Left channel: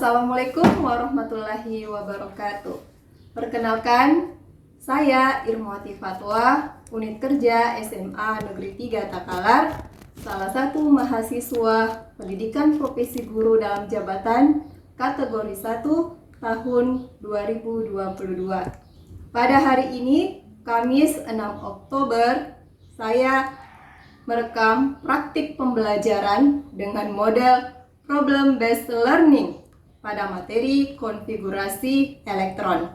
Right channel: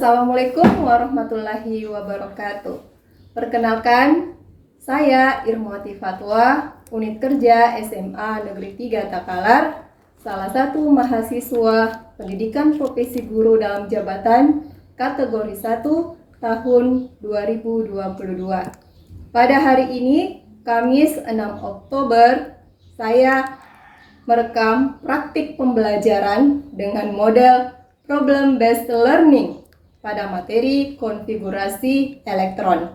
Assalamualaikum warahmatullahi wabarakatuh. Perkenalkan, saya Irmawati Fatwa, Unit Kerja SMA Negeri 3 Takalar, salah satu mahasiswa Pendidikan Profesi Guru dalam Jabatan kategori 1 tahun 2022. Pada hari ini, Kamis 6 Oktober, saya merekam praktik pembelajaran dengan model problem based learning pada materi konfigurasi elektron.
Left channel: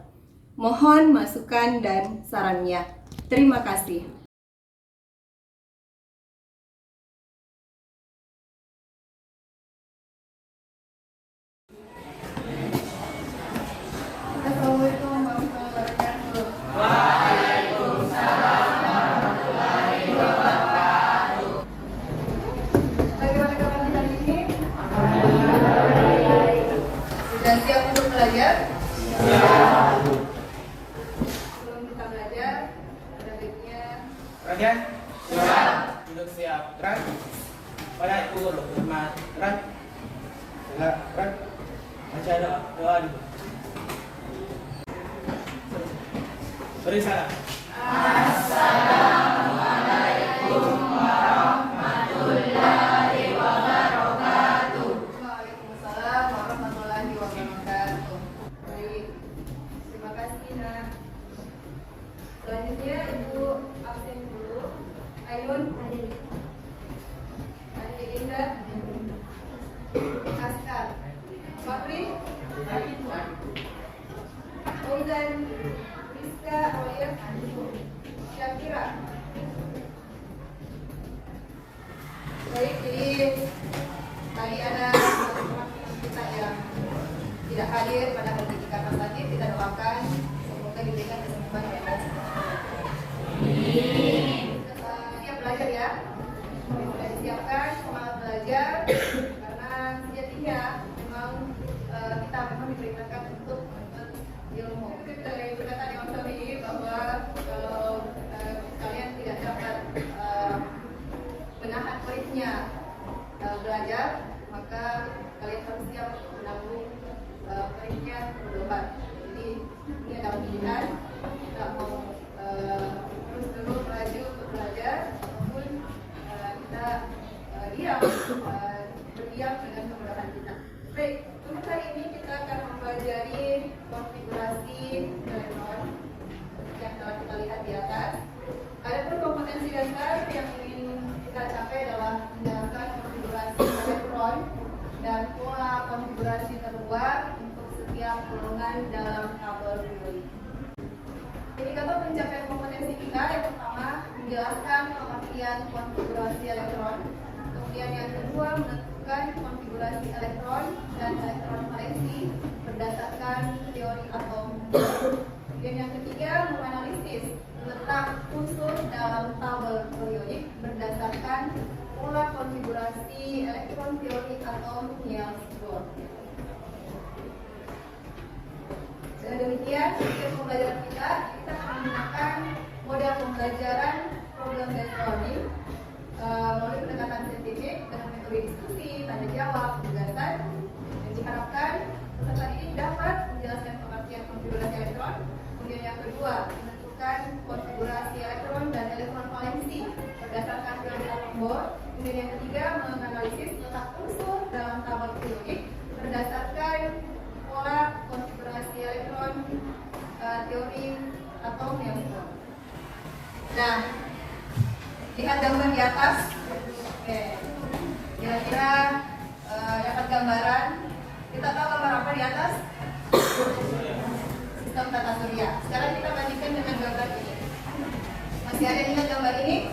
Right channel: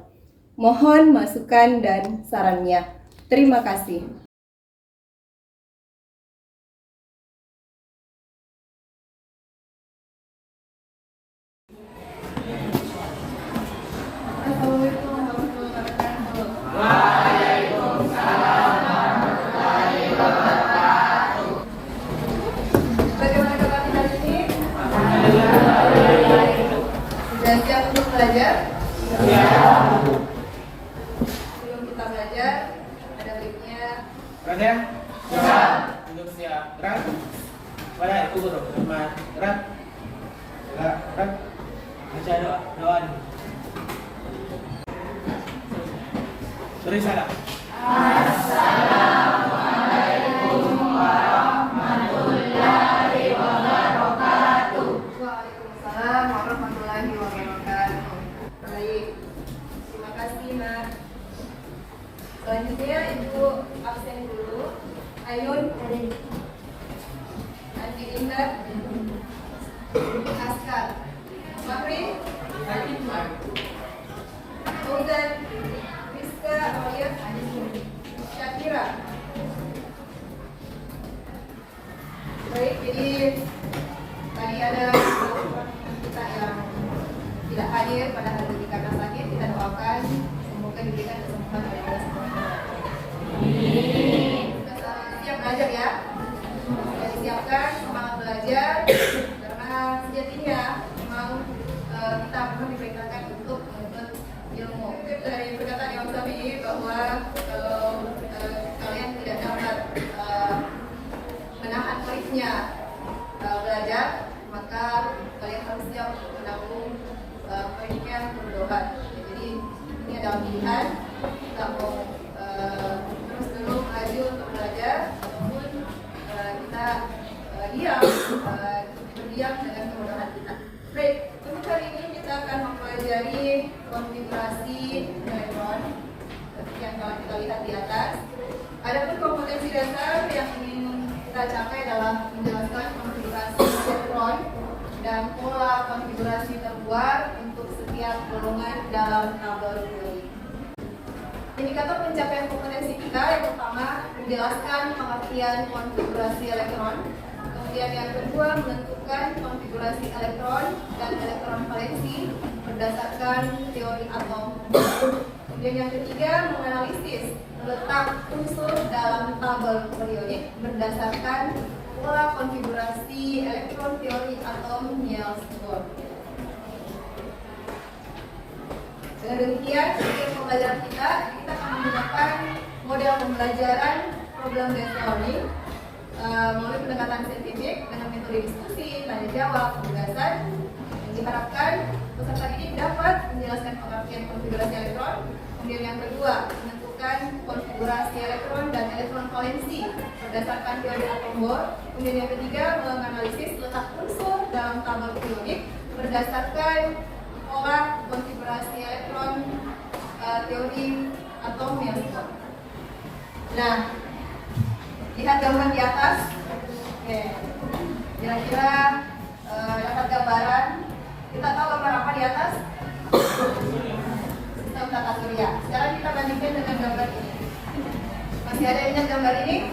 Mohon masukan dan sarannya. Terima kasih. Assalamualaikum warahmatullahi wabarakatuh. Waalaikumsalam warahmatullahi wabarakatuh. Bagaimana kabar hari ini? Alhamdulillah. Sudah siap untuk belajar? Siap. Sebelum kita belajar, ada baiknya Gerak ya? Siap. Duduk siap. Gerak. Pada ibu guru. Teman. Gerak. Gerak. Baca doa. Beri salam. Assalamualaikum warahmatullahi wabarakatuh. Waalaikumsalam warahmatullahi wabarakatuh. Baik, terima kasih Nak. Selanjutnya Ibu absen dulu. Ayun, Andi Indah, Askar, Makri, Fauzan, Rizka, Aulia, Syakira. Baik, jadi tadi ada seorang kita yang tidak hadir pada hari ini karena sakit. Kita doakan semoga diberikan kesembuhan oleh Allah Subhanahu wa Ta'ala. Siap belajar ya. Sudah disiapkan semangat belajar karena sejatinya memang kita memang diperintahkan untuk menuntut ilmu. Dari perkataan Imam Syafi'i bahwa kalau kalian tidak dapat menahan korisnya belajar, maka kalian harus siap untuk menanggung korisnya berdoa. Jadi ini adalah pilihan, kita mau terus maju untuk belajar ataupun kita berdiam dengan kemudahan kita. Baik, untuk hari ini kita akan mempelajari konfigurasi elektron seperti yang telah kita lihat di atas. Adapun kompetensi dasar yang ingin kita capai adalah menjelaskan konfigurasi elektron dan pola konfigurasi terluar untuk setiap golongan dalam tabel teori. Indikator pencapaian kompetensi kita yang pertama menjelaskan pengertian konfigurasi elektron. Kemudian yang kedua menentukan konfigurasi elektron dan elektron valensi berdasarkan teori atom. Kemudian yang ketiga menganalisis letak unsur dalam tabel periodik berdasarkan pola konfigurasi elektron teori atom Niels-Bohr. Dengan demikian, untuk pembelajaran kita akan menggunakan model pembelajaran problem based learning melalui pendekatan saintifik dengan metode diskusi, tanya jawab, penugasan. Dan diharapkan peserta ini dapat menjelaskan pengertian konfigurasi elektron. Kemudian yang kedua, menentukan konfigurasi elektron dan elektron valensi berdasarkan teori atom Bohr. Kemudian yang ketiga, menganalisis letak unsur dalam tabel periodik berdasarkan pola konfigurasi elektron teori atom Niels-Bohr. Nah, lihat gambar di atas. Oke, kira-kira dapat gambaran. Kita tahu gambar apa di atas? Sistem tata surya. Sekarang kita bandingkan dengan gambar ini. Masih ada yang ingat gambar ini?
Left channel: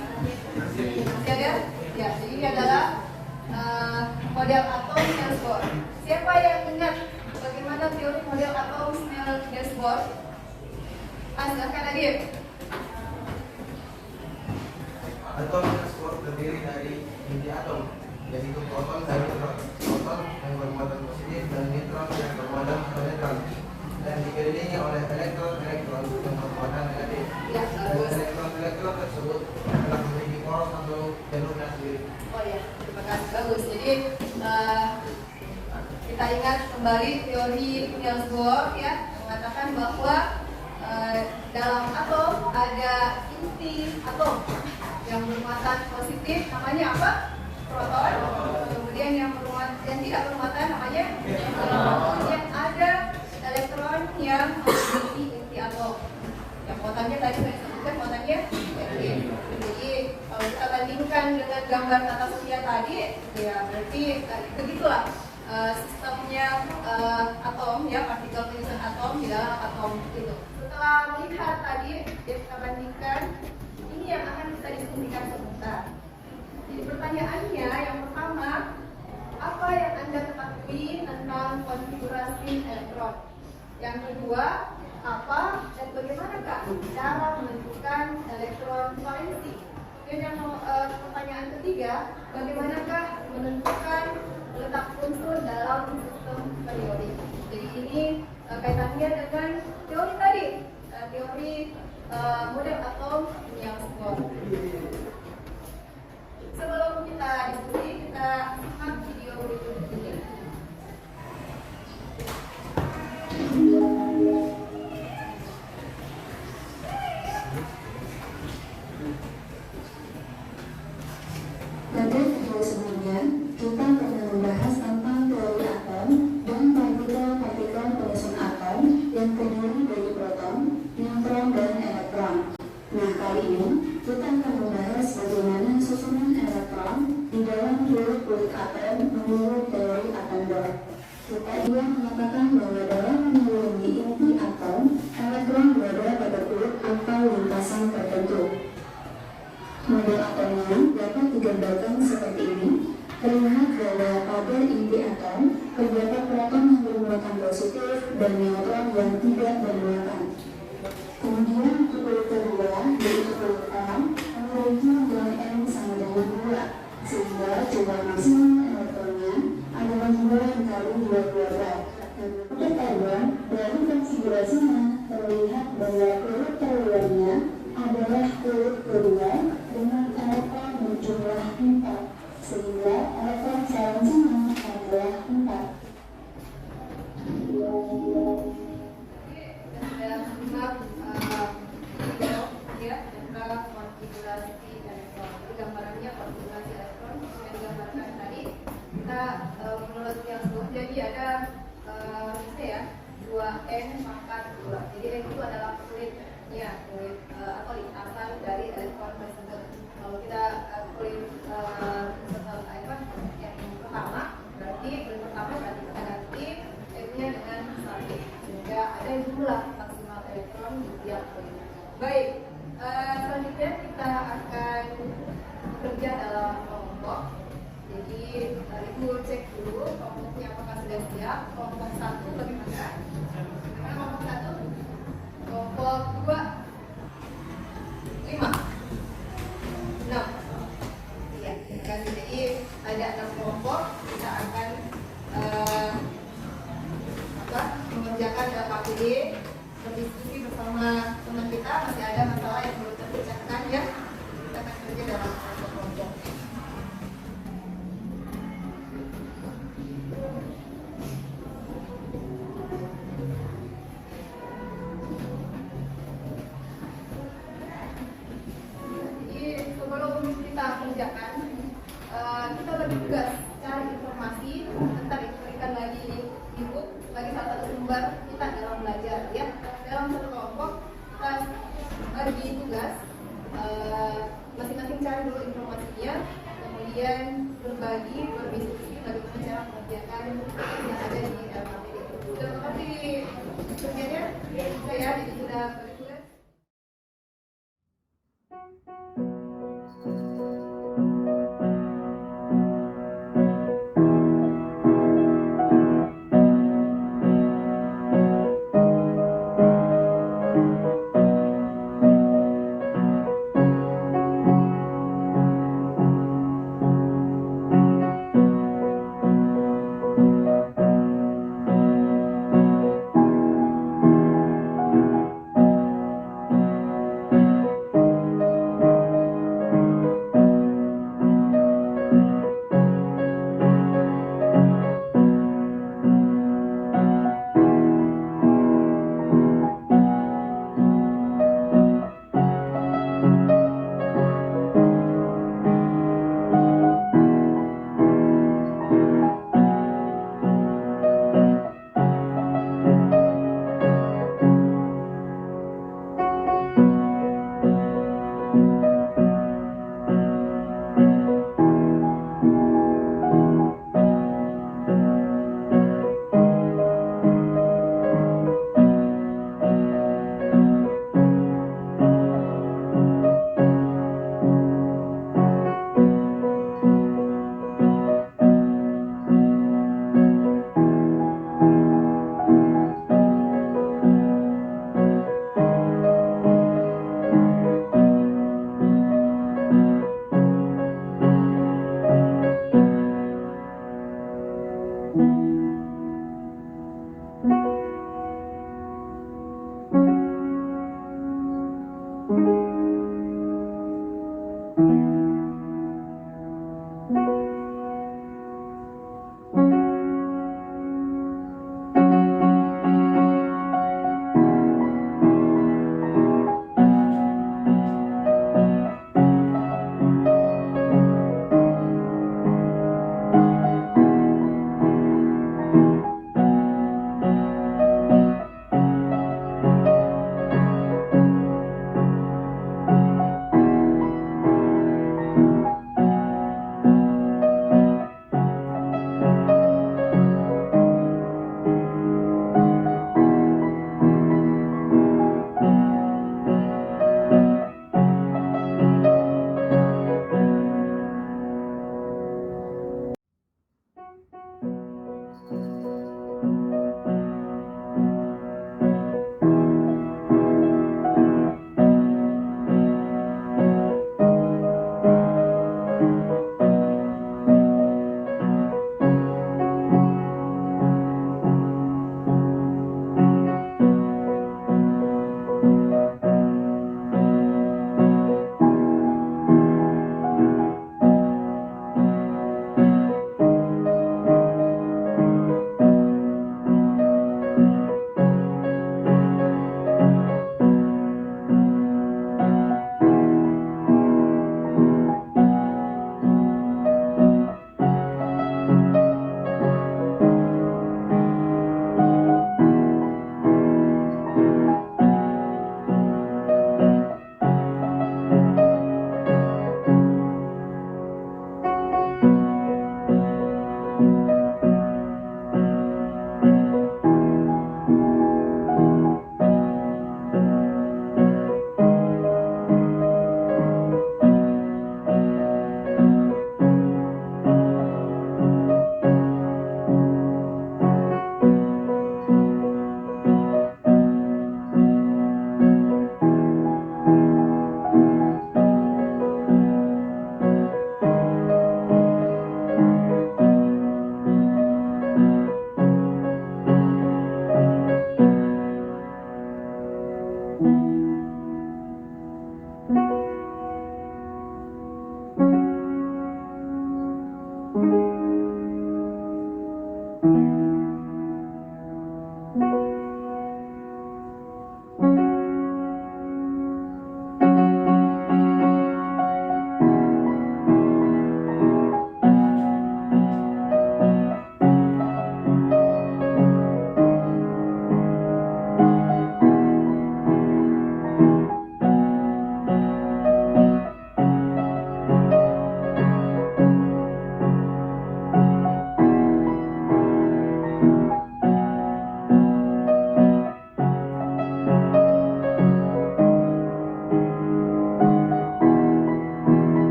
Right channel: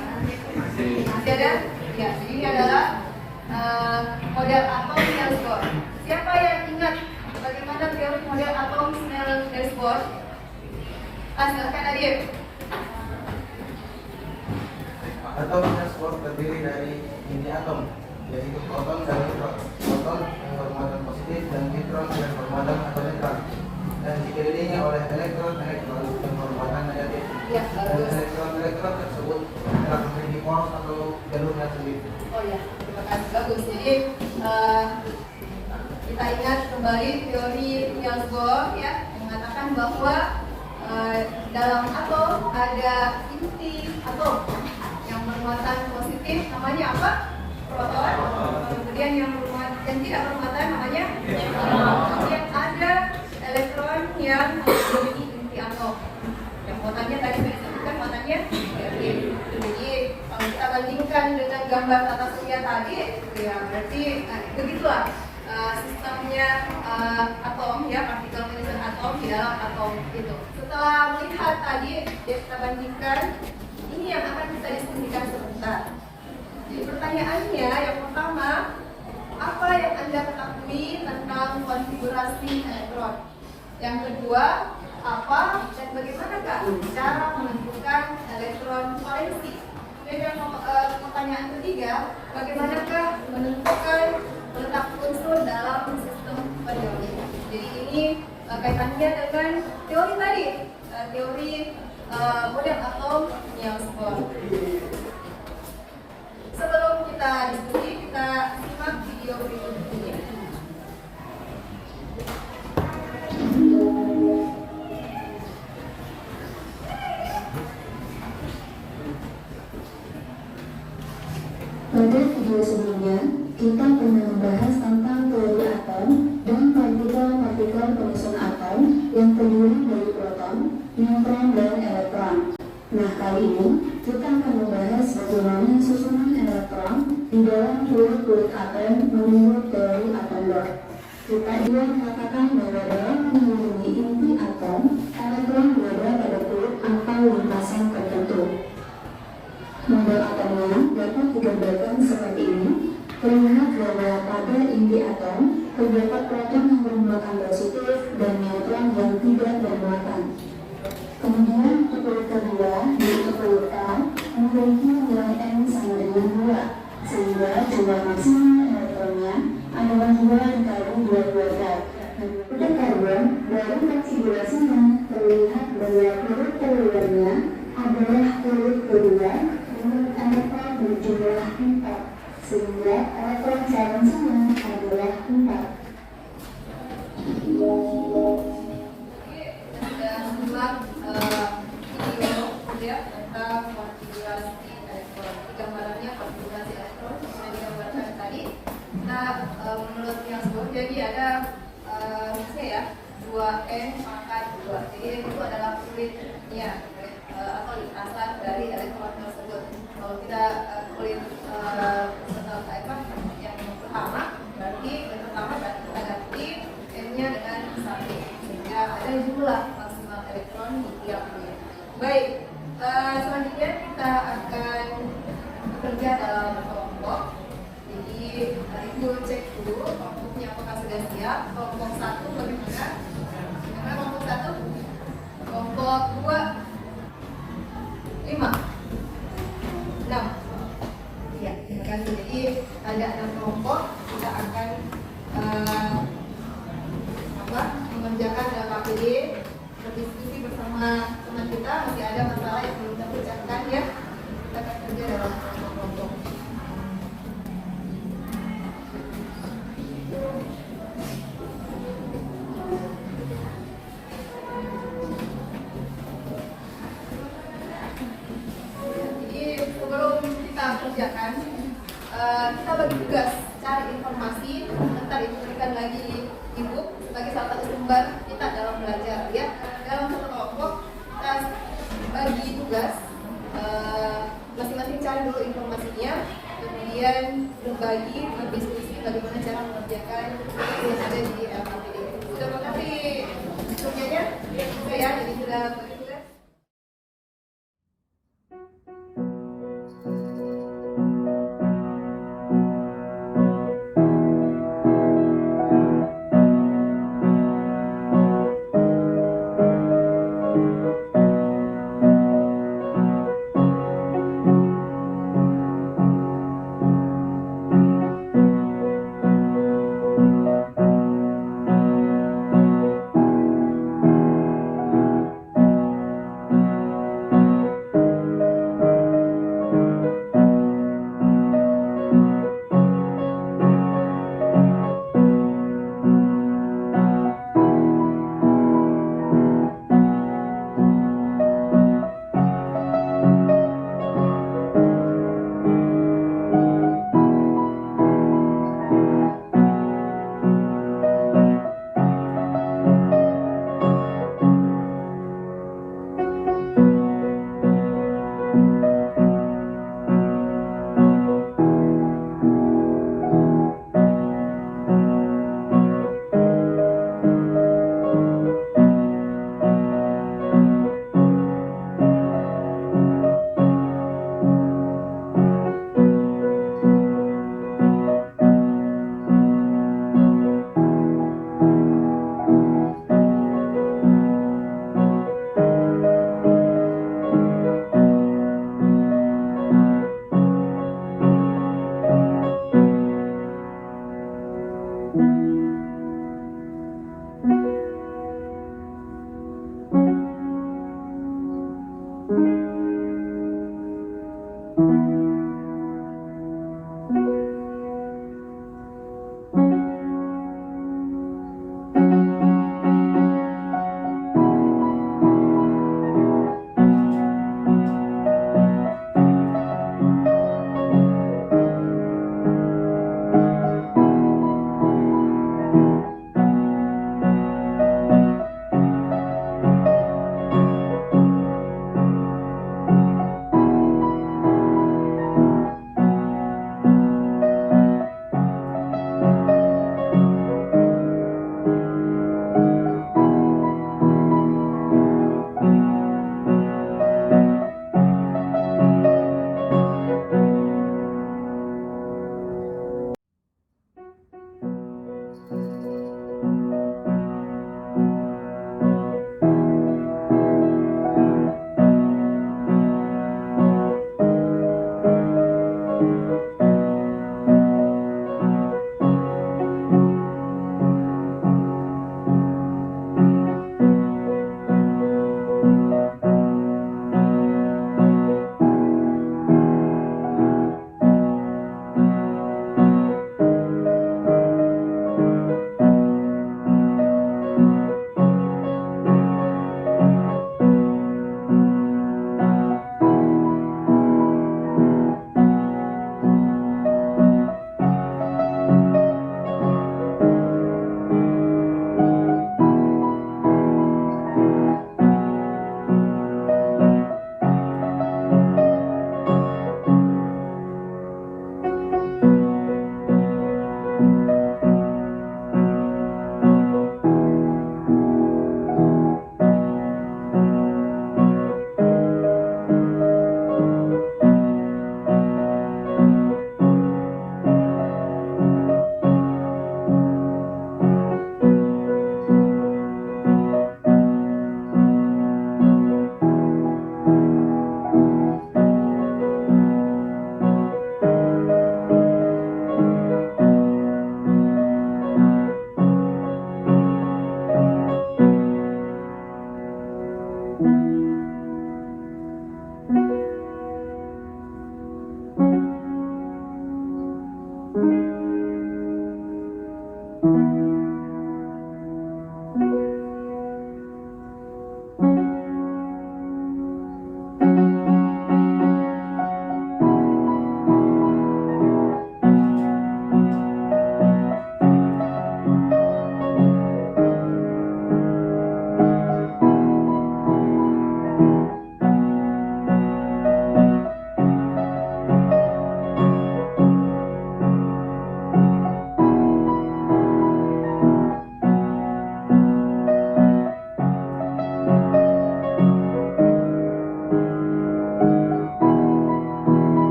Masih ada? Ya, jadi ini adalah model atom Niels-Bohr. Siapa yang ingat bagaimana teori model atom Niels-Bohr? Silakan Adib. Atom Niels-Bohr terdiri dari inti atom, yaitu proton dan neutron. Proton yang bermuatan positif dan neutron yang bermuatan atau netral, dan dikelilingi oleh elektron-elektron yang bermuatan negatif. Ya, Dan elektron-elektron tersebut telah memiliki poros atau jalur yang sendiri. Oh ya, terima kasih, bagus. Jadi Kita ingat kembali teori Niels Bohr ya, mengatakan bahwa dalam atom ada inti atom yang bermuatan positif namanya apa? Proton. Kemudian yang tidak bermuatan namanya neutron. Yang ada elektron yang memiliki inti atom. Yang muatannya tadi saya sebutkan muatannya negatif. Jadi kalau kita bandingkan dengan gambar tata surya tadi, ya berarti begitulah sistemnya atom ya, partikel penyusun atom di dalam atom itu. Setelah melihat tadi, kita bandingkan, ini yang akan kita diskusikan sebentar. Jadi pertanyaannya yang pertama, apa yang Anda ketahui tentang konfigurasi elektron? Yang kedua, apa dan bagaimanakah cara menentukan elektron valensi? Dan yang pertanyaan ketiga, bagaimanakah menentukan letak unsur dalam sistem periodik? Jadi ini kaitannya dengan teori tadi, teori model atom Niels Bohr. Sebelum kita diskusi, kita simak video berikut ini. Pada video sebelumnya, kita pernah membahas tentang teori atom dan partikel-partikel penyusun atom yang terdiri dari proton, neutron, dan elektron. Nah, kali ini kita akan membahas bagaimana susunan elektron di dalam kulit atom menurut teori atom Bohr. Kita juga mengatakan bahwa dalam mengelilingi inti atom, elektron berada pada kulit atau lintasan tertentu. Model atomnya dapat digambarkan seperti ini. Terlihat bahwa pada inti atom terdapat proton yang bermuatan positif dan neutron yang tidak bermuatan. Kemudian kulit kedua yaitu kulit L memiliki nilai N sama dengan 2, sehingga jumlah maksimum elektronnya adalah 2 dikali 2 kuadrat. Dan pada karbon dari konfigurasinya terlihat bahwa kulit terluarnya adalah kulit kedua dengan elektron berjumlah 4, sehingga elektron valensinya adalah 4. Sudah simak video ya tentang konfigurasi elektron. Itu gambarannya konfigurasi elektron sudah digambarkan tadi. Kita menurut Niels Bohr jadi ada misalnya ya 2N pangkat 2. Jadi N itu adalah kulitnya, kulit atau lintasan dari elektron tersebut. Kalau kita kulit yang pertama, berarti kulit pertama berarti kita ganti N-nya dengan 1, sehingga ada jumlah maksimal elektron di tiap kulit. Baik, selanjutnya kita akan bekerja dalam kelompok. Jadi Ibu cek dulu kelompoknya apakah sudah siap. Kelompok 1 bagaimana? Karena kelompok 1, kelompok 2, 5, 6. Ya, jadi ada 6 kelompok. Kita akan mengerjakan dalam APD, berdiskusi bersama teman kita. Masih ada masalah yang belum terpecahkan ya. Kita akan kerja dalam kelompok. Jadi sebelum kita kerjakan, kita bagi tugas cari informasi. Nanti diberikan lagi ebook sebagai salah satu sumber kita dalam belajar ya. Dalam satu kelompok kita bagi tugas, masing-masing cari dulu informasinya, kemudian berbagi, berdiskusi bagaimana cara mengerjakan yang ada di LKPD. Sudah mengerti semuanya? Ya, sudah ya. Jadi sudah bagi tugas.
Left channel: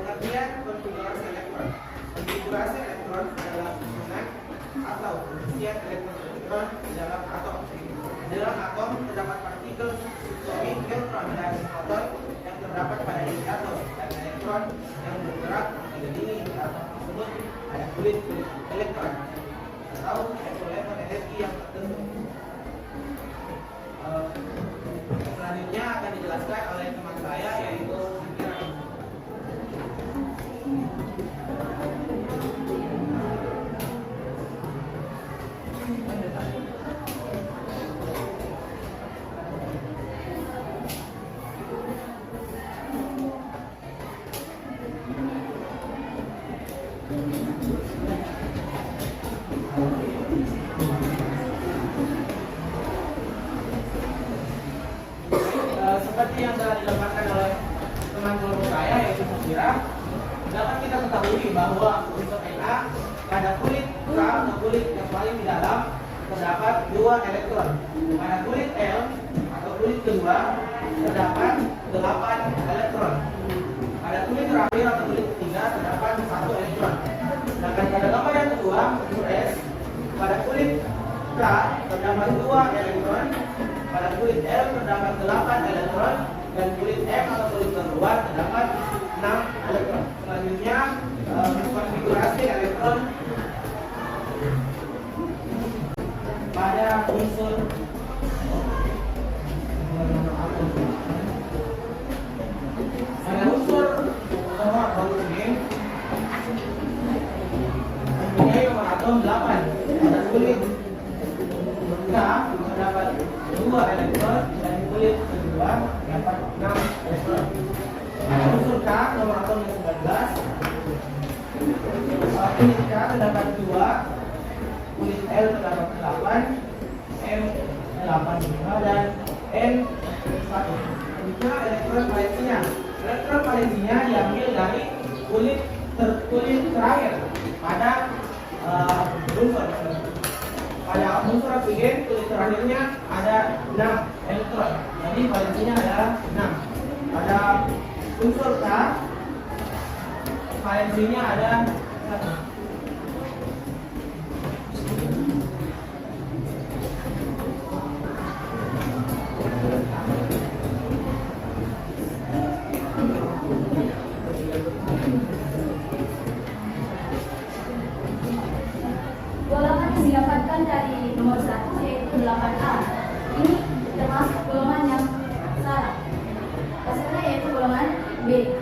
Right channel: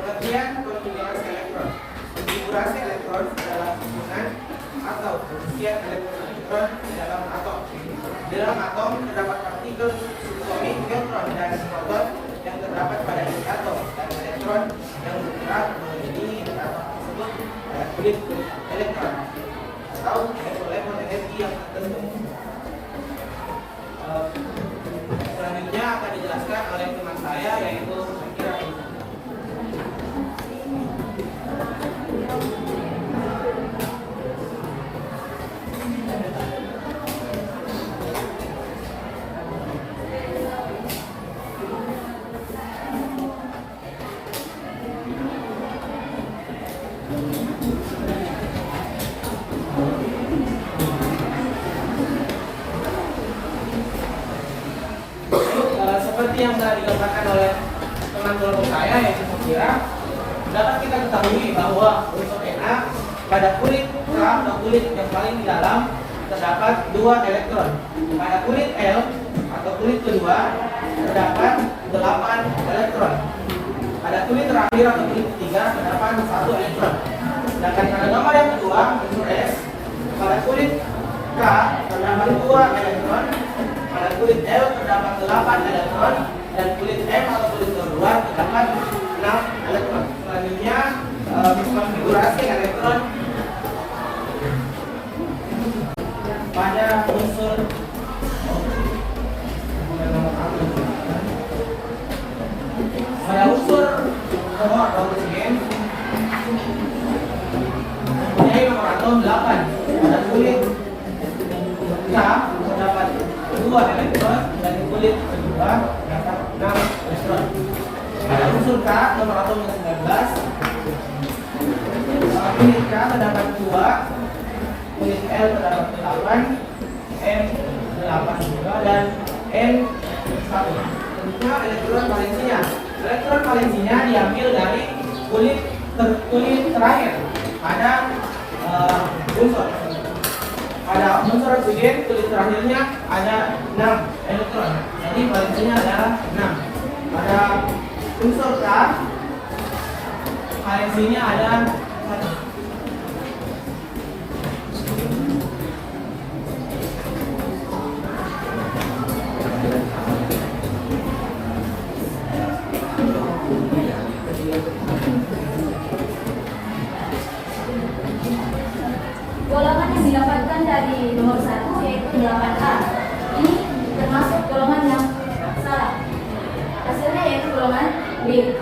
Pengertian konfigurasi elektron. Konfigurasi elektron adalah susunan atau isian elektron di dalam atom. Di dalam atom terdapat partikel subatomic, neutron dan proton yang terdapat pada isi atom, dan elektron yang bergerak mengelilingi atom tersebut pada kulit elektron atau level-level energi yang tertentu. Selanjutnya akan dijelaskan oleh teman saya, yaitu Kira. Seperti yang telah digambarkan oleh teman kelompok saya, yaitu Kira, dapat kita ketahui bahwa unsur Na pada kulit Ra atau kulit yang paling di dalam terdapat 2 elektron. Pada kulit L atau kulit kedua terdapat 8 elektron. Pada kulit terakhir atau kulit ketiga terdapat 1 elektron. Sedangkan pada nomor yang kedua, unsur S, pada kulit K terdapat 2 elektron. Pada kulit L terdapat 8 elektron, dan kulit M atau kulit kedua terdapat 6 elektron. Selanjutnya konfigurasi elektron pada unsur nomor oksigen mempunyai nomor atom 8. Pada kulit K terdapat 2 elektron, dan di kulit kedua terdapat 6 elektron. Pada unsur K nomor atomnya 19. Kulit K terdapat 2, kulit L terdapat 8, M 8 juga, dan N 1. Selanjutnya elektron valensinya. Elektron valensinya diambil dari kulit terakhir pada unsur. Pada unsur oksigen, kulit terakhirnya ada 6 elektron. Jadi valensinya adalah 6. Pada unsur K, valensinya ada 1. Golongan yang didapatkan dari nomor 1 yaitu 8A. Ini termasuk golongan yang salah. Hasilnya yaitu golongan B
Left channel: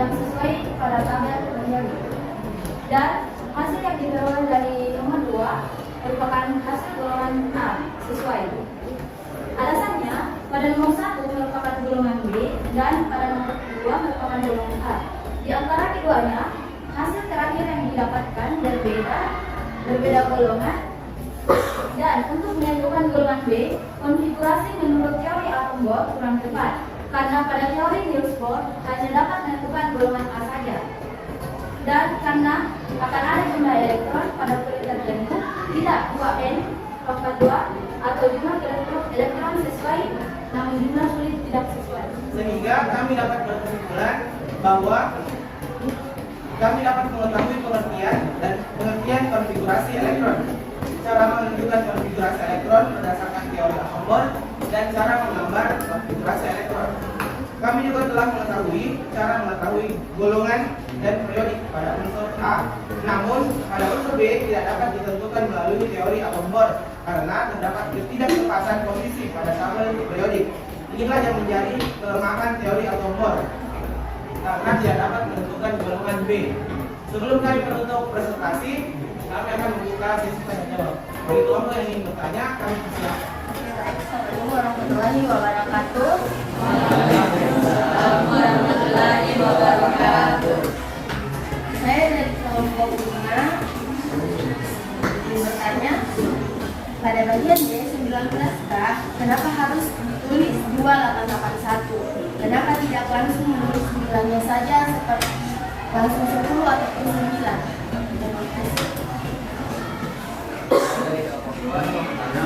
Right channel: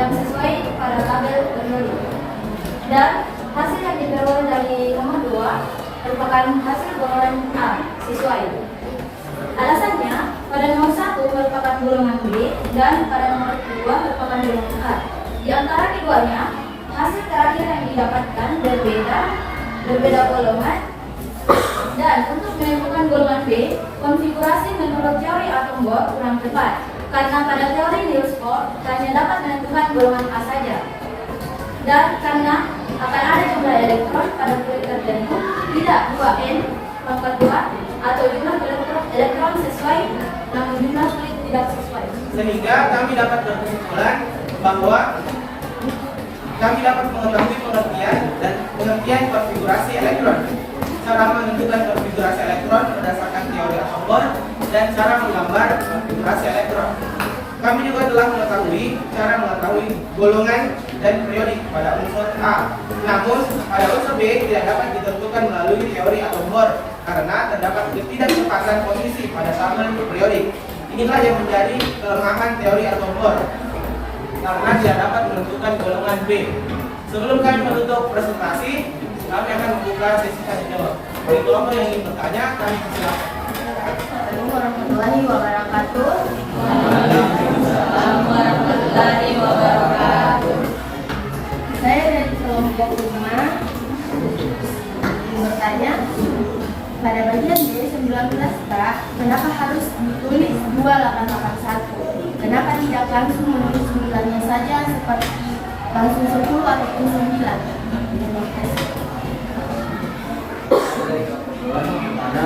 yang sesuai pada tabel berikut. Dan hasil yang diperoleh dari nomor 2 merupakan hasil golongan A sesuai. Alasannya, pada nomor 1 merupakan golongan B dan pada nomor 2 merupakan golongan A. Di antara keduanya, hasil terakhir yang didapatkan berbeda golongan, dan untuk menentukan golongan B, konfigurasi menurut teori atom Bohr kurang tepat, karena pada teori Niels Bohr hanya dapat menentukan golongan A saja. Dan karena akan ada jumlah elektron pada kulit tertentu, tidak 2n pangkat 2 atau jumlah elektron sesuai, namun jumlah kulit tidak sesuai. Sehingga kami dapat berkesimpulan bahwa kami dapat mengetahui pengertian konfigurasi elektron, cara menentukan konfigurasi elektron berdasarkan teori atom Bohr, dan cara menggambar konfigurasi elektron. Kami juga telah mengetahui golongan dan periodik pada unsur A. Namun pada unsur B tidak dapat ditentukan melalui teori atom Bohr karena terdapat ketidaktepatan posisi pada tabel periodik. Inilah yang menjadi kelemahan teori atom Bohr, karena tidak dapat menentukan golongan B. Sebelum kami menutup presentasi, kami akan membuka sesi tanya jawab. Bagi kelompok yang ingin bertanya, kami silakan. Assalamualaikum warahmatullahi wabarakatuh. Waalaikumsalam warahmatullahi wabarakatuh. Saya dari kelompok 5 ingin bertanya, pada bagian D 19K, kenapa harus ditulis 2881? Kenapa tidak langsung menulis 9-nya saja seperti langsung 10 ataupun 9? Dari kesimpulan bertanya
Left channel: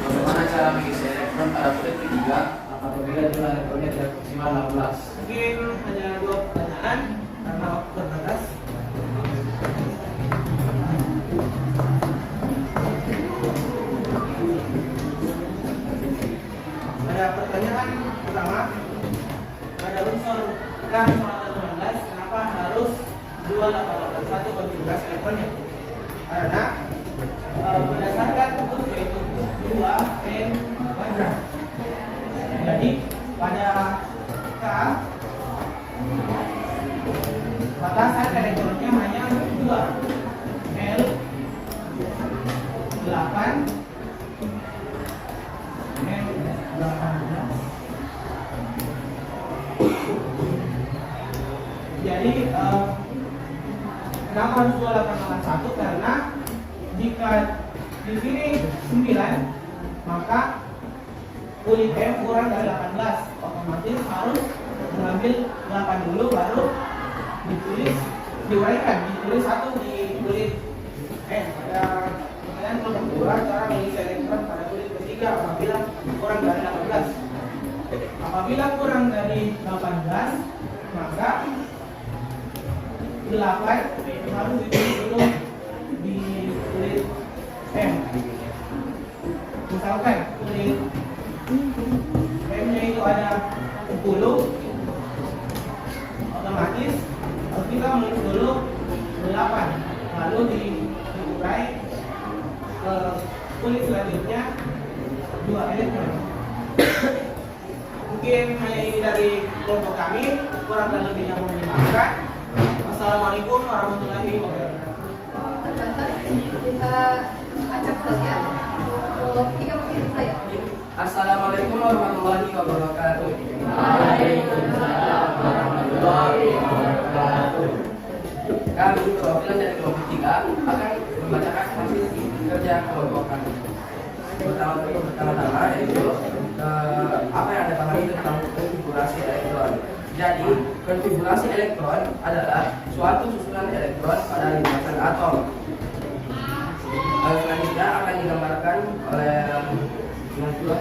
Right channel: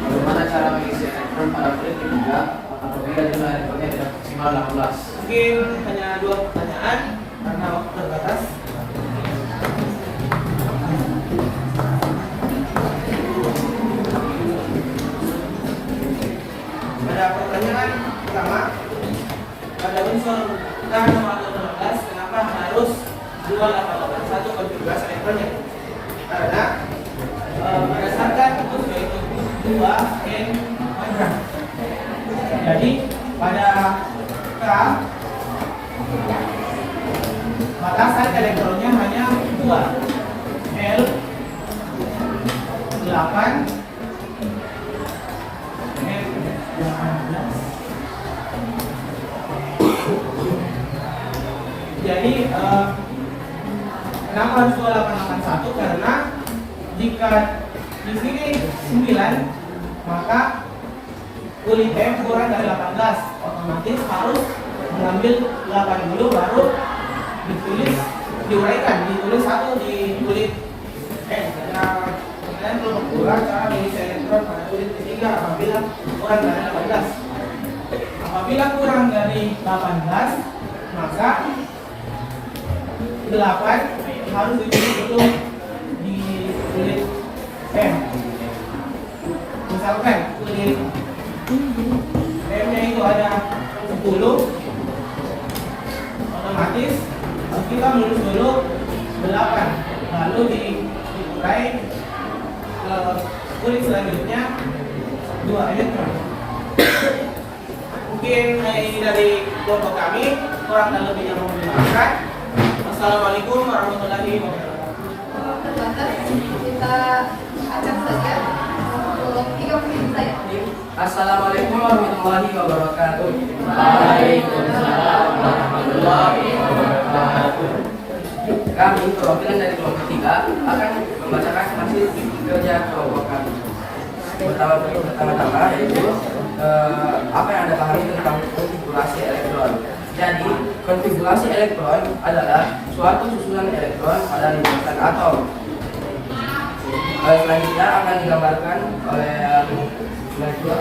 bagaimana cara mengisi elektron pada kulit ketiga akan berbeda jumlah elektronnya tidak maksimal 16. Mungkin hanya 2 pertanyaan. pertanyaan karena waktu terbatas. Pada pertanyaan pertama, pada unsur K nomor 16, kenapa harus 2881 konfigurasi elektronnya? Karena berdasarkan rumus yaitu 2N magram. Jadi pada K maka sat elektronnya hanya 2 L 8 M 18. Jadi kenapa harus 2881? Karena jika di sini 9 maka kulit M kurang dari 18, otomatis harus mengambil 80 baru ditulis 1 di kulit M. Kemudian kedua, cara mengisi elektron pada kulit ketiga apabila kurang dari 18. Apabila kurang dari 18 maka 8 harus ditulis dulu di kulit M. Misalkan kulit M-nya itu ada 10, otomatis kita menulis dulu 8, lalu dikurai ke kulit selanjutnya 2 elektron. Mungkin ini dari kelompok kami, kurang dan lebihnya mohon dimaafkan. Wassalamualaikum warahmatullahi wabarakatuh. Terbatas, kita akan saja untuk 3 menit saja. Assalamualaikum warahmatullahi wabarakatuh. Waalaikumsalam warahmatullahi wabarakatuh. Kami perwakilan dari kelompok 3 akan membacakan hasil kerja kelompok kami. Pertama-tama yaitu apa yang Anda pahami tentang konfigurasi elektron. Jadi, konfigurasi elektron adalah suatu susunan elektron pada lintasan atom. Selanjutnya akan digambarkan oleh Najwa.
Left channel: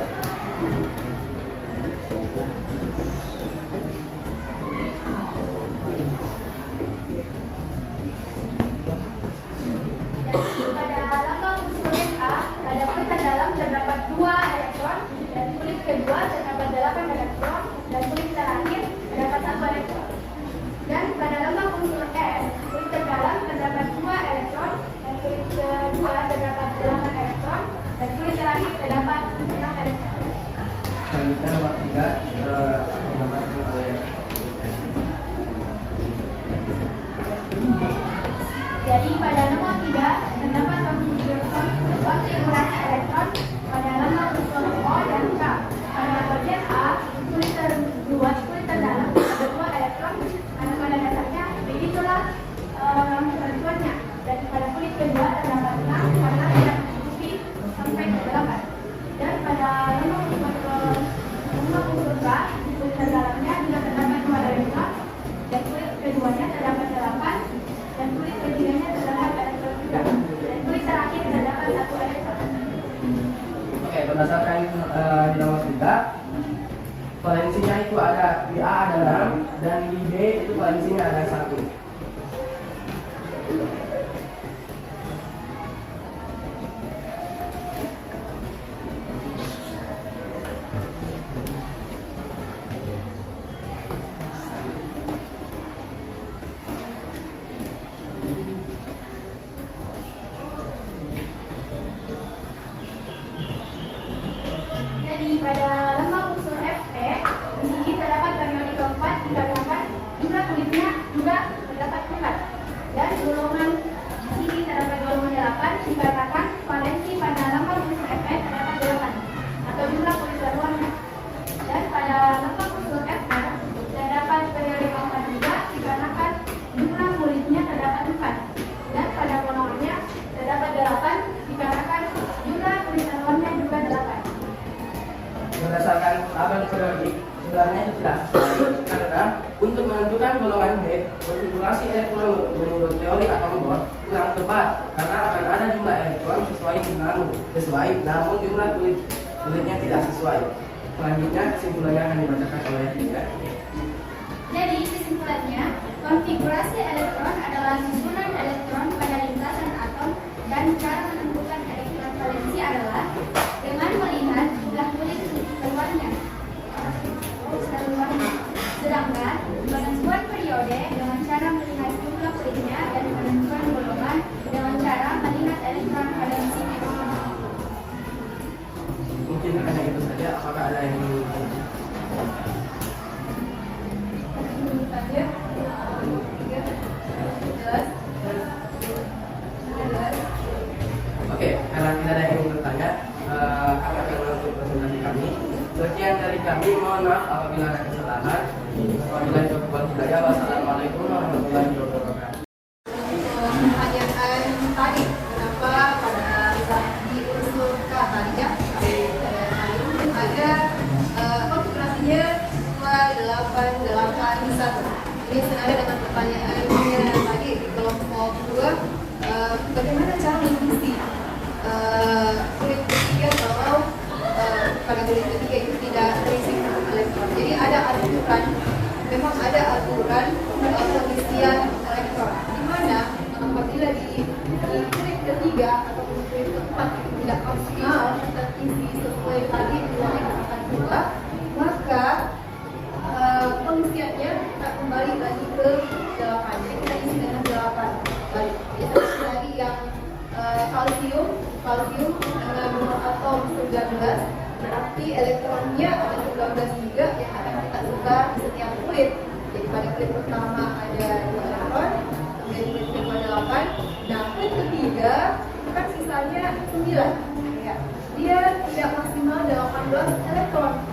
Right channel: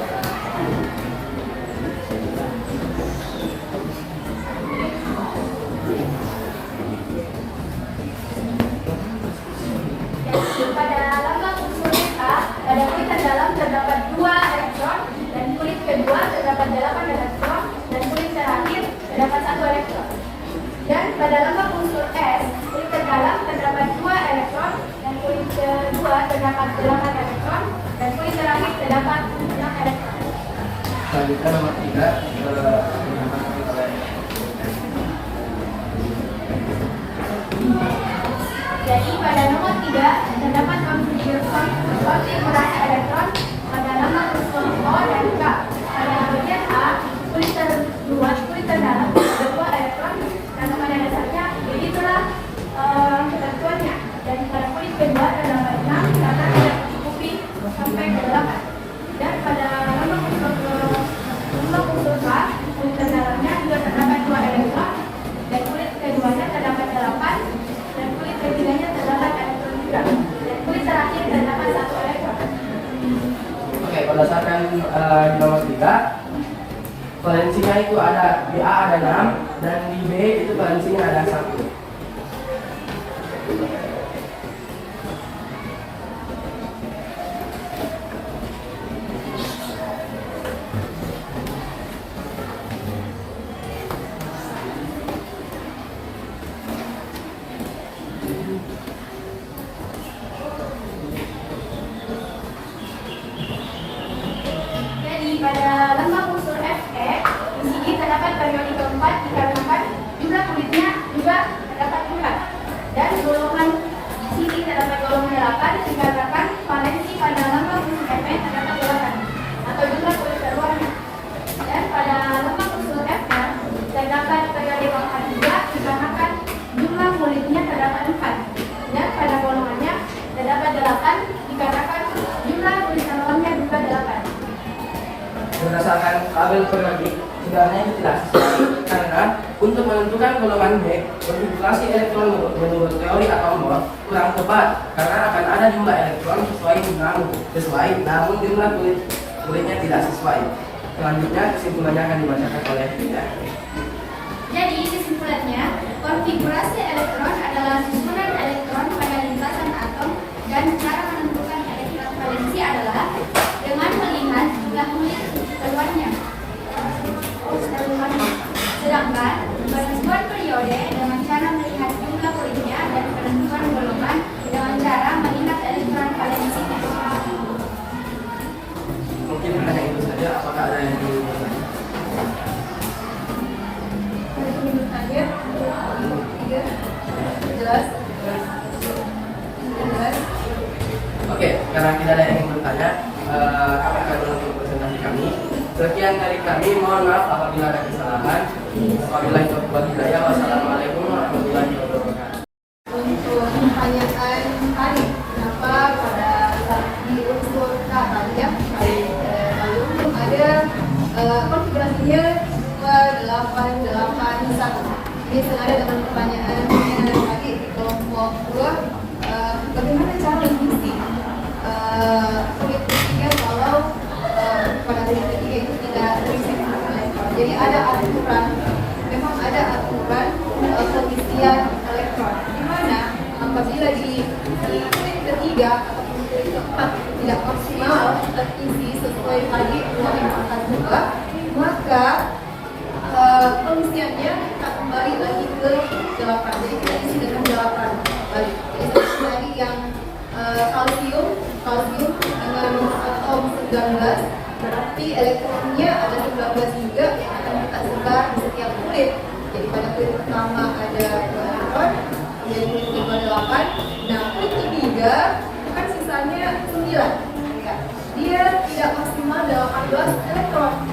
Pada lambang unsur A, pada kulit terdalam terdapat 2 elektron dan kulit kedua terdapat 8 elektron dan kulit terakhir terdapat 1 elektron. Dan pada lambang unsur S, kulit terdalam terdapat 2 elektron dan kulit kedua terdapat 8 elektron dan kulit terakhir terdapat 6 elektron. Selanjutnya nomor 3 digambarkan oleh Jadi pada nomor 3 terdapat konfigurasi elektron pada lambang unsur O dan K. Pada bagian A, kulit terdalam ada 2 elektron karena pada dasarnya begitulah ketentuannya. Dan pada kulit kedua terdapat 6 karena tidak mencukupi sampai ke 8. Dan pada lambang unsur K, kulit terdalamnya juga terdapat 2 elektron dan kulit keduanya terdapat 8 dan kulit ketiganya terdapat elektron juga dan kulit terakhir terdapat 1 elektron. Oke, berdasarkan nomor 3, valensinya itu ada di A ada 6 dan di B itu valensinya ada 1. Jadi pada lambang unsur Fe, di sini terdapat periode keempat dikarenakan jumlah kulitnya juga terdapat 4. Dan golongan di sini terdapat golongan 8 dikarenakan valensi pada lambang unsur Fe terdapat 8 atau jumlah kulit terluarnya. Dan pada lambang unsur Fe terdapat periode keempat juga dikarenakan jumlah kulitnya terdapat 4. Dan pada golongannya terdapat 8 dikarenakan jumlah kulit terluarnya juga 8. Berdasarkan tabel periodik sebenarnya itu tidak sesuai karena untuk menentukan golongan B, konfigurasi elektron menurut teori atom Bohr kurang tepat karena akan ada jumlah elektron sesuai namun jumlah kulitnya tidak sesuai. Selanjutnya kesimpulannya akan dibacakan oleh Linda. Jadi kesimpulannya, Konfigurasi elektron adalah susunan elektron pada lintasan atom dan cara menentukan elektron valensi adalah dengan melihat jumlah kulit keluarnya. Sedangkan penentuan periode dengan cara melihat jumlah kulitnya dan penentuan golongan dengan cara melihat elektron valensi. Mungkin hanya itu saja. Apakah ada yang ingin bertanya? Jelas? Jelas? Oke, karena tidak ada yang ingin bertanya, kami akan menutup presentasi kami. Sekian dari kami, mohon maaf apabila ada kesalahan. Wabillahi taufiq wal hidayah. Wassalamualaikum warahmatullahi wabarakatuh. Untuk pertanyaan tadi, kenapa pada saat di unsur K tadi ya, ada konfigurasinya 2881. Ini senada dengan pertanyaannya tadi di kelompok 2, bagaimana cara mengisi kulit ketiga kalau pada kulit ketiga itu tidak terisi elektron. Jadi ada aturan, memang ada aturan pengisian elektron, di mana apabila di kulit ketiga atau kulit keempat tidak maksimal terisi sesuai tadi 242, maka pengisiannya kita kembali lagi ke 8. Jadi kita isi dengan 8 balik. Jadi seperti tadi yang kalsium dengan nomor atom 19, berarti elektronnya ada 19 juga yang akan kita sebar di setiap kulit. Jadi pada kulit pertama ada 2 elektron, kemudian kulit kedua 8. Nah, kulit ketiga kan sisanya 9. Ya. Dia tidak maksimal 18 elektron,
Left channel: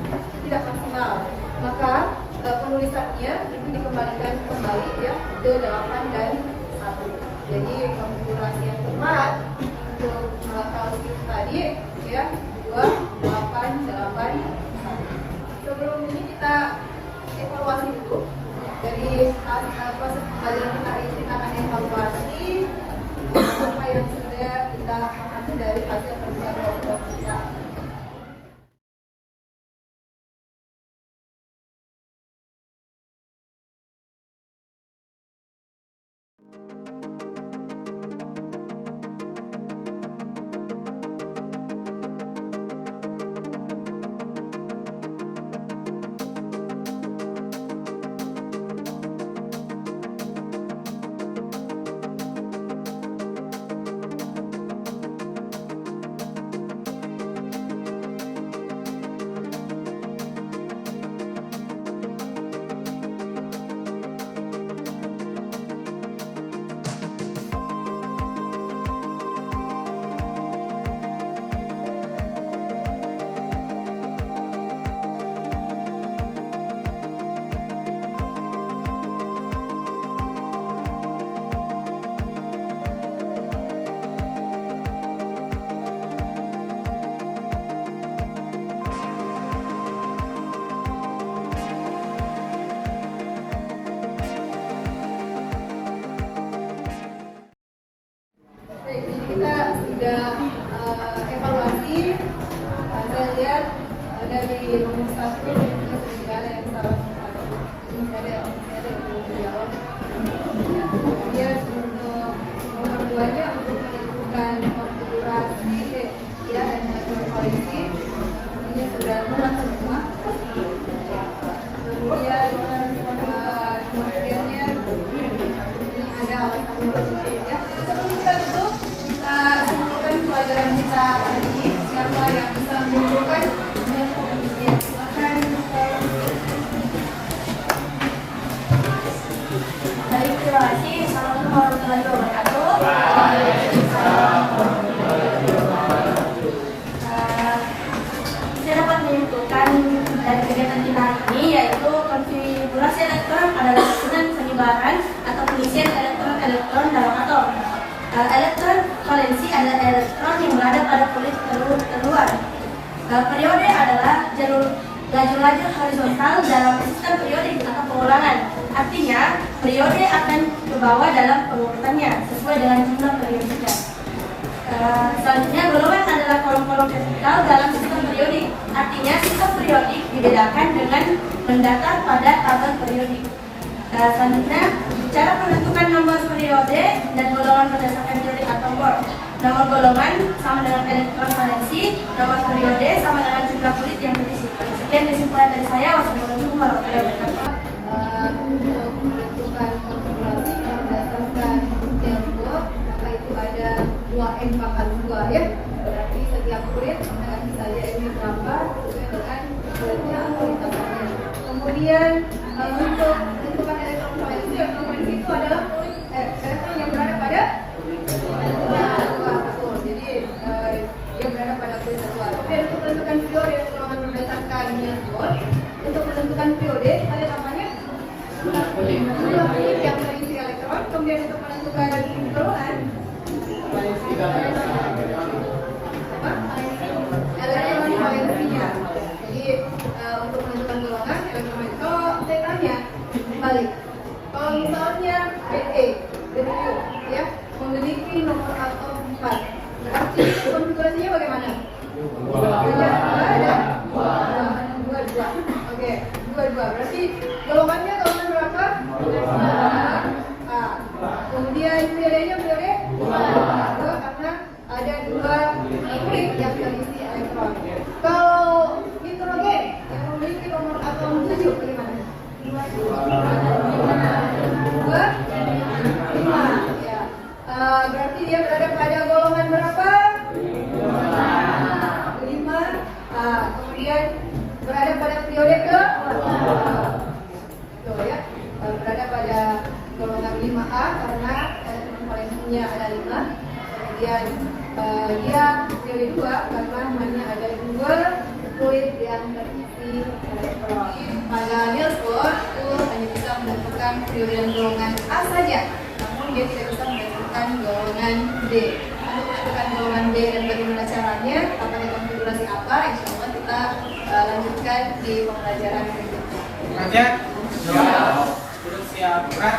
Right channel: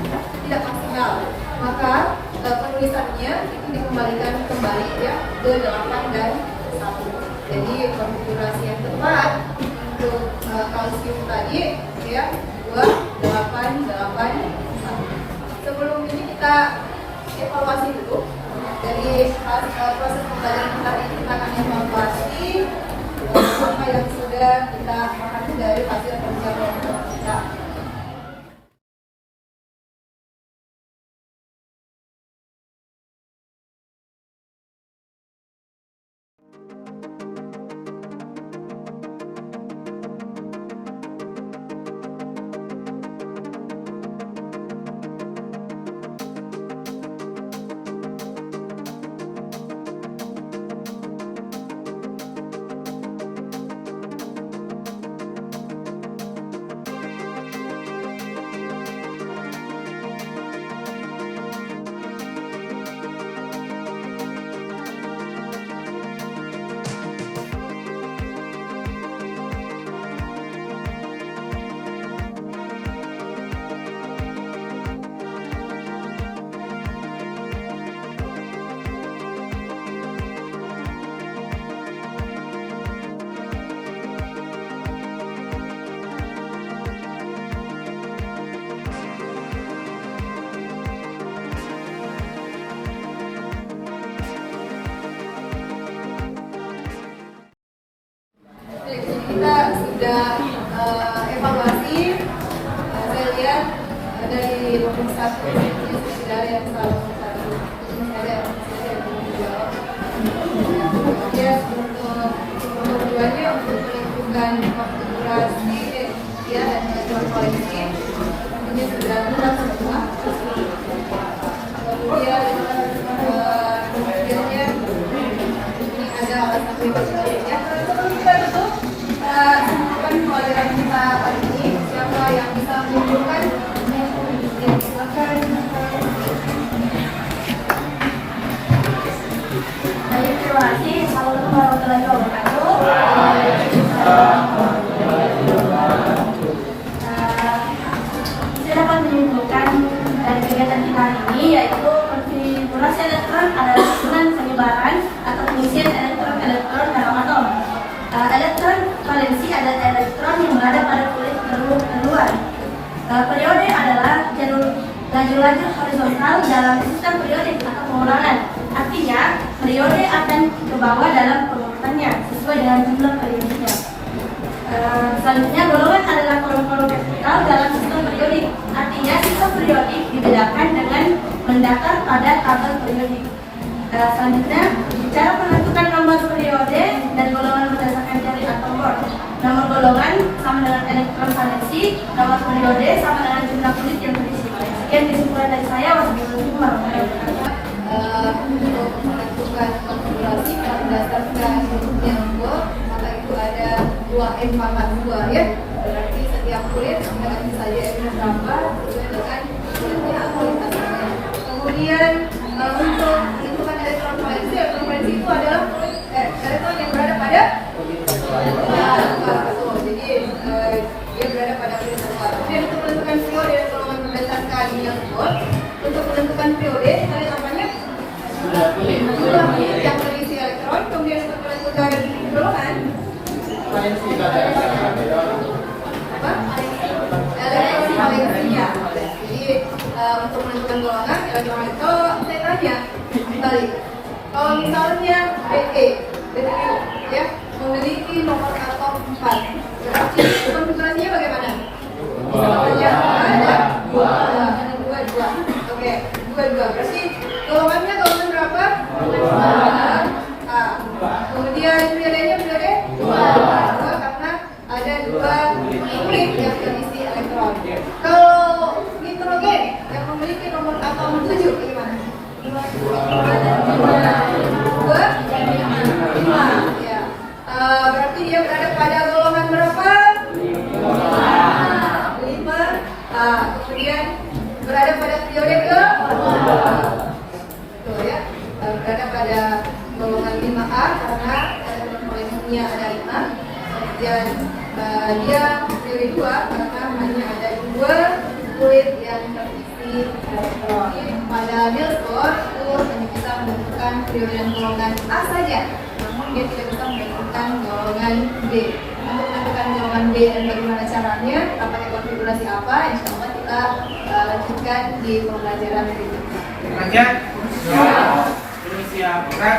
tidak maksimal. Maka penulisannya itu dikembalikan kembali ya ke 8 dan 1. Jadi konfigurasi yang tepat untuk kalsium tadi ya 2, 8, 8, 1. Sebelum ini kita evaluasi dulu dari proses pembelajaran kita ini. Kita akan evaluasi apa yang sudah kita amati dari hasil pembelajaran kita. Kita sudah evaluasi, saya lihat dari nomor 1 ini sudah ada yang salah, ini ada yang menjawab. Kemudian untuk nomor 2-nya untuk menentukan konfigurasi ya dan elektron valensi, ini sudah benar semua. Kemudian kemudiannya ini ada alasan berikutnya. Sebelum kita tutup, simpulkan pelajaran kita hari ini. Siapa yang bisa menyimpulkan? Silakan. Baik, terima kasih. Assalamualaikum warahmatullahi wabarakatuh. Saya dapat menyimpulkan dari kegiatan kita hari ini, yaitu konfigurasi elektron adalah susunan penyebaran atau pengisian elektron dalam atom. Elektron valensi adalah elektron yang berada pada kulit terluar. Periode adalah lajur-lajur horizontal dalam sistem periodik atau pengulangan. Artinya, periode akan ke bawah dalam pengurutannya sesuai dengan jumlah periodiknya. Selanjutnya, golongan adalah kolom-kolom vertikal dalam sistem periodik. Artinya, sistem periodik dibedakan dengan mendatar pada tabel periodik. Selanjutnya, Cara menentukan nomor periode dan golongan berdasarkan jari atom Bohr. Nomor golongan sama dengan elektron valensi, nomor periode sama dengan jumlah kulit yang terisi. Sekian kesimpulan dari saya. Wassalamualaikum warahmatullahi wabarakatuh. Untuk menentukan konfigurasi berdasarkan yang Bohr, maka itu ada 2N pangkat 2 ya. Berarti setiap kulit ganti saja N-nya berapa sesuai dengan kulitnya atau lintasannya. Kemudian untuk menentukan elektron valensi itu adalah elektron yang berada pada betul. Jadi dia berada pada kulit luar. Kemudian untuk menentukan periode dan golongan berdasarkan yang Bohr, untuk menentukan periode kita lihat namanya jumlah kulit yang terisi elektron. Kemudian untuk menentukan golongan elektron valensinya. Jadi untuk menentukan golongan elektron itu saya tanya balik. Kalau misalnya Be ya memiliki nomor atom 4, berarti konfigurasinya bagaimana? Ada dua. Oke, dua. Berarti golongannya golongan berapa? Kemudian periodenya periode 2 karena ada 2 kulit yang terisi elektron. Kalau nitrogen yang memiliki nomor atom 7 bagaimana? 5 ya. Berarti dia berada pada golongan berapa? 5. Kemudian berada pada periode ke? Tuh ya. Berada pada golongan 5A karena elektron valensinya ada 5. Kemudian dia periode 2 karena hanya ada 2 kulit yang terisi elektron. Pada Niels Bohr itu hanya bisa menentukan periode dan golongan A saja, namun dia tidak bisa menentukan golongan B. Untuk menentukan golongan B dan bagaimana caranya, pakai konfigurasi apa, insya Allah kita lanjutkan di pembelajaran berikutnya. Lanjut. Belum siap, gerak.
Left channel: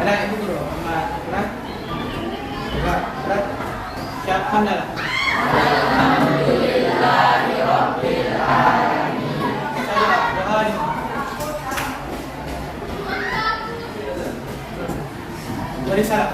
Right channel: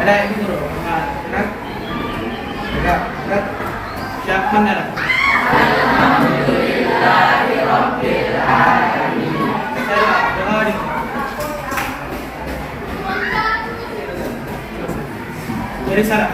Ada ini bro, sama gerak. Gerak. Siap, hamdalah. Dari sana.